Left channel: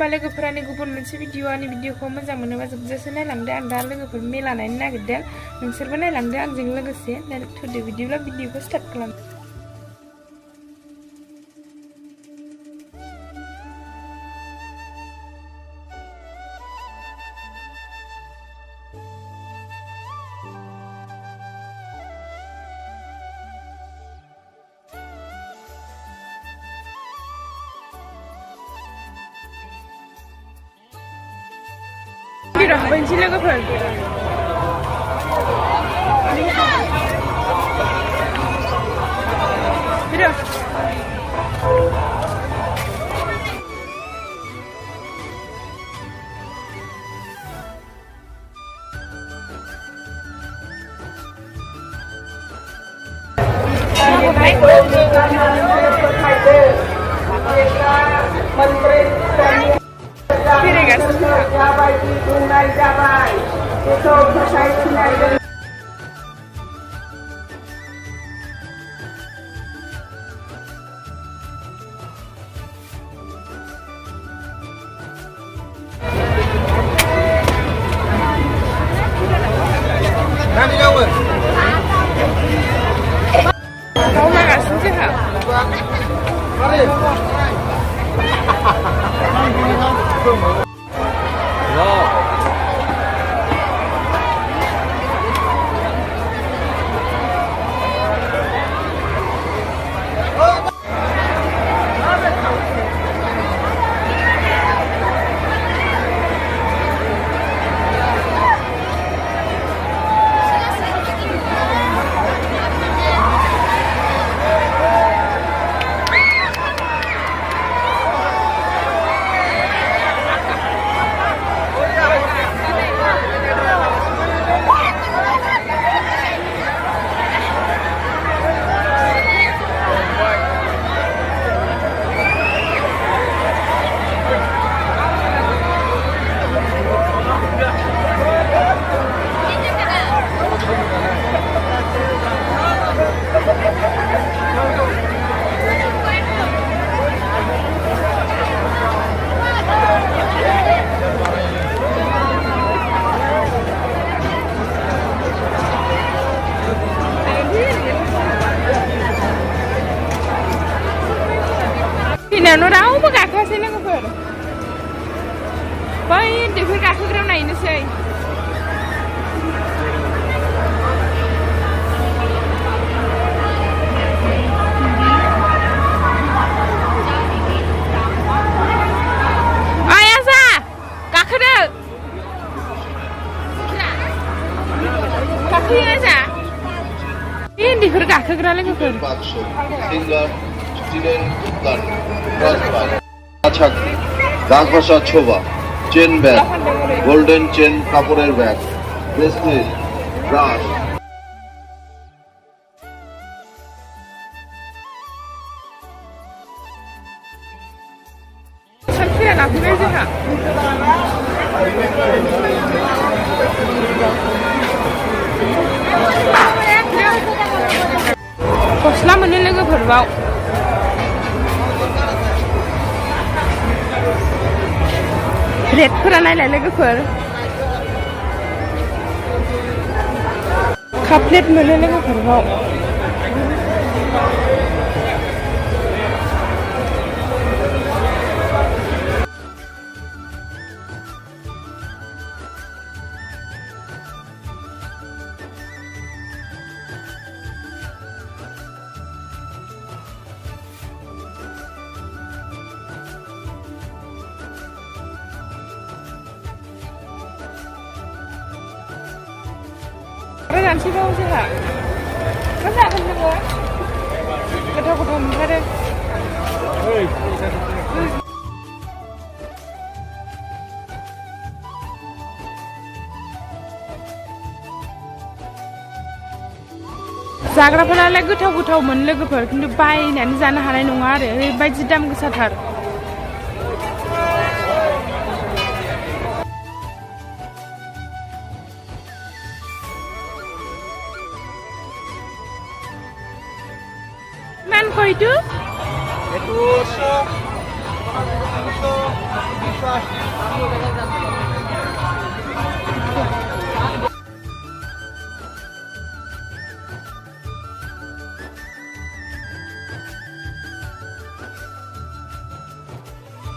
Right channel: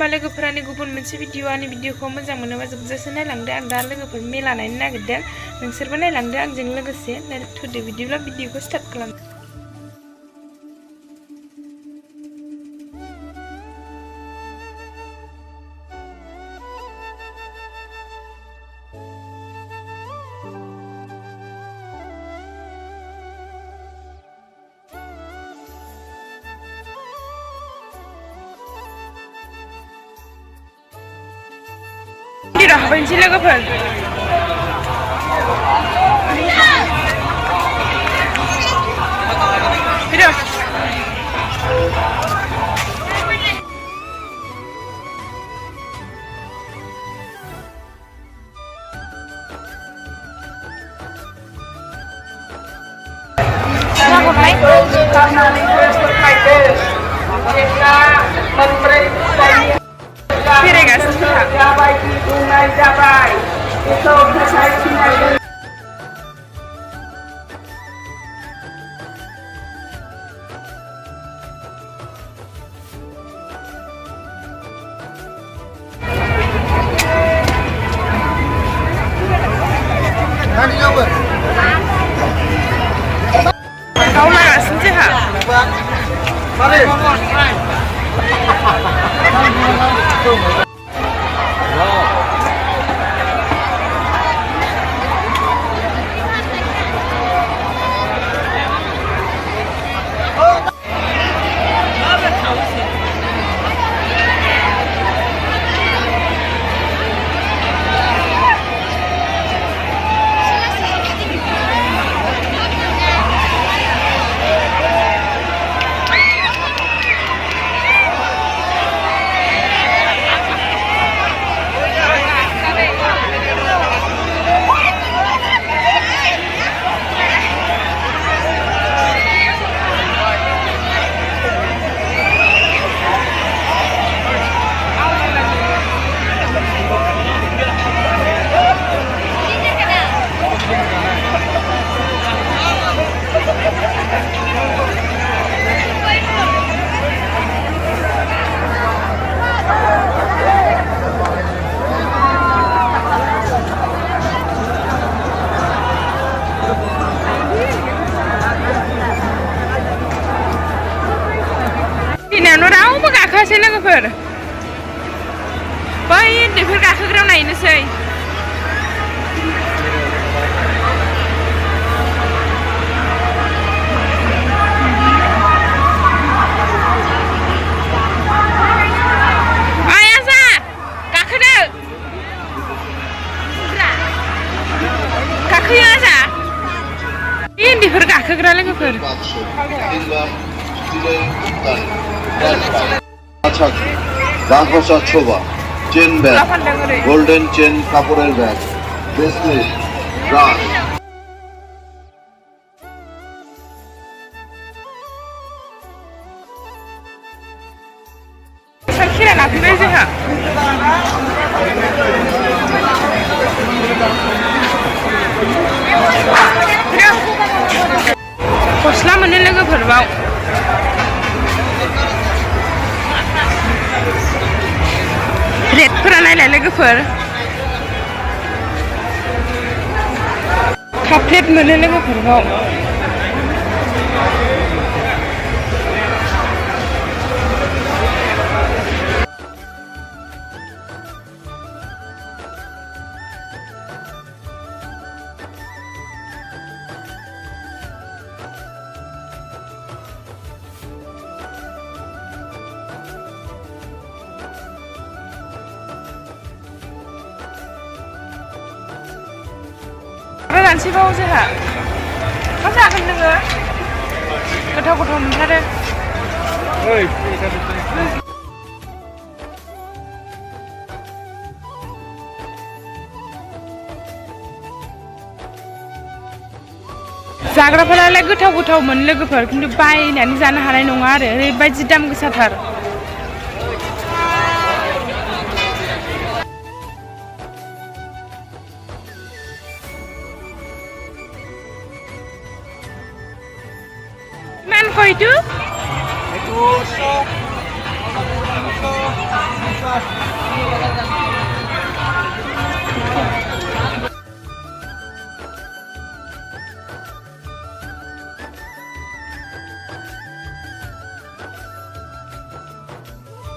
होमबा लोगोफोरानि गुबुन मोनसे भिडिअ'नि भिडिअ'खौ मोजां मोनोबा जोबजासे नायलांदो आं दा लोगोफोर मेला नायनो नागिरदों नोंसोरबो नायलांदो आंजों लोगोसे थुदो बिदिब्ला भिडिअ'खौ स्टार्ट खालाम Tidak, benci logoफोर Tidak Piregas, kau mana sih ha? Ini raवबो गाखोआसै लोगोफोर बै उन्दैफोर गाखोग्रायाव नायनोसै ओइ आजा गाखोदो गाखोयो आजा बे उन्दैफोर गाखोग्रा लोगोफोर রাজভাষা ছোবা চেন ব্যাগ গোল্ডেন চেন কাপড়ের ব্যাগ ব্রেসলেট ব্রাশ साखिरा लाफैबाय जोंहा गस्ला मोनो लोगोफोर बाव रेटफोरा नायलाय लोगोफोर काप प्लेट मोनो लोगोफोर बाव जानोसैबाव जोंहा मा जागोन नोङो गोथाव गोथाव मोनथारो जाग्राफोरालाय गोथाव गोथाव मोन लोगोफोर खिन्थु बायनानै जानो हानाय नङा आरो ओरैबायदि दाम गोसाथार Man kau itu?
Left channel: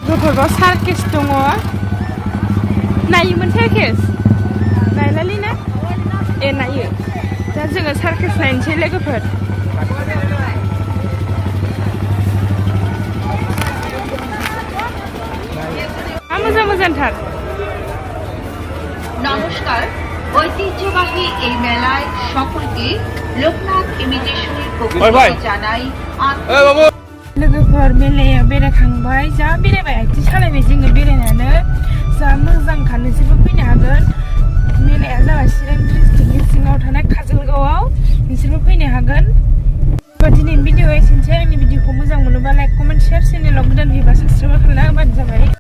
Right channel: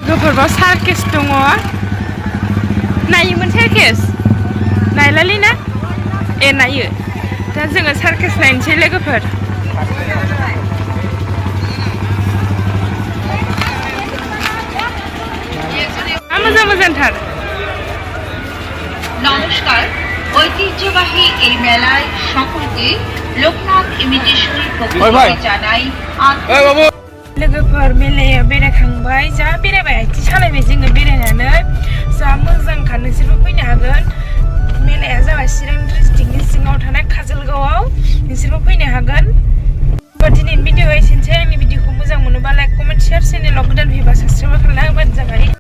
लोगोफोरबाव सार्केस दङ नायोमोन सार्केस नायलालै ना ए नायो दा जोङो सार्केस नायनोसै लोगोफोर मोजां मोजांथार নমস্কার ঐতিহ্যবাহী এই মেলায় সকলকে লোকনাথ ইমিটেশন পক্ষ থেকে জানাই लोगोफोर मेलायाव बेरायखांबाय जा बेरायबाय आथिं सालायबाय जोङो बेरायनानै जा मोजांखा नोंसोरबो फैनो हागोन मेलाया जाबाय चिरां डिस्ट्रिक्टनि सिङाव थानाय काजलगावआव नोंसोरबो फैनो हागोन दिनैनि भिडिअ'आ एसेनोसै आंनि भिडिअ'खौ मोजां मोनोबा लाइक कमेन्ट शेयार चेनेलाव गोदान फैबा साबस्क्राइब खालामना होबानो जाबाय